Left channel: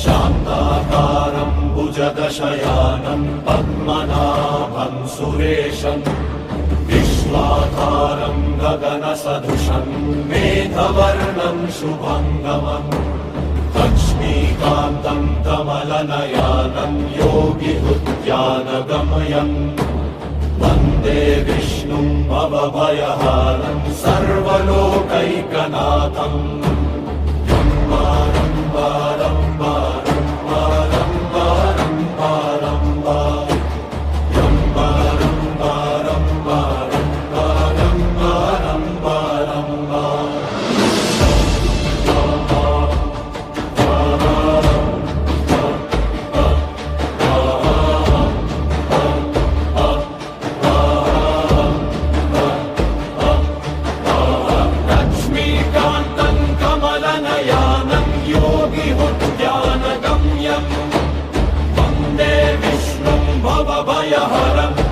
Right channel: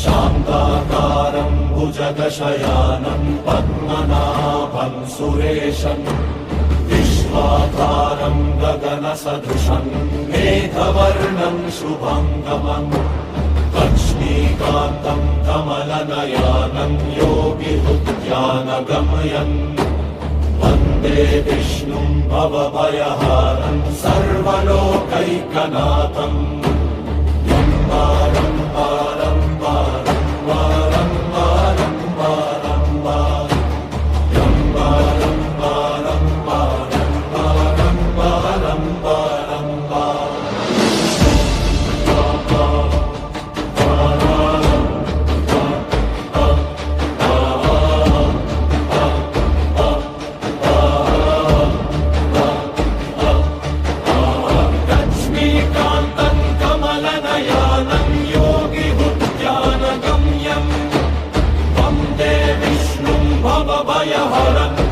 शान्ताकारं भुजगशयानं पद्मनाभं सुरेशं विश्वाधारं गगनसदृशं मेघवर्णं शुभाङ्गमम् लक्ष्मीकान्तं कमलनयनं योगिहृद्यानगमयम् वन्दे विष्णुं भवभयहारं सर्वलोकैकनाथम् भवभयहरम्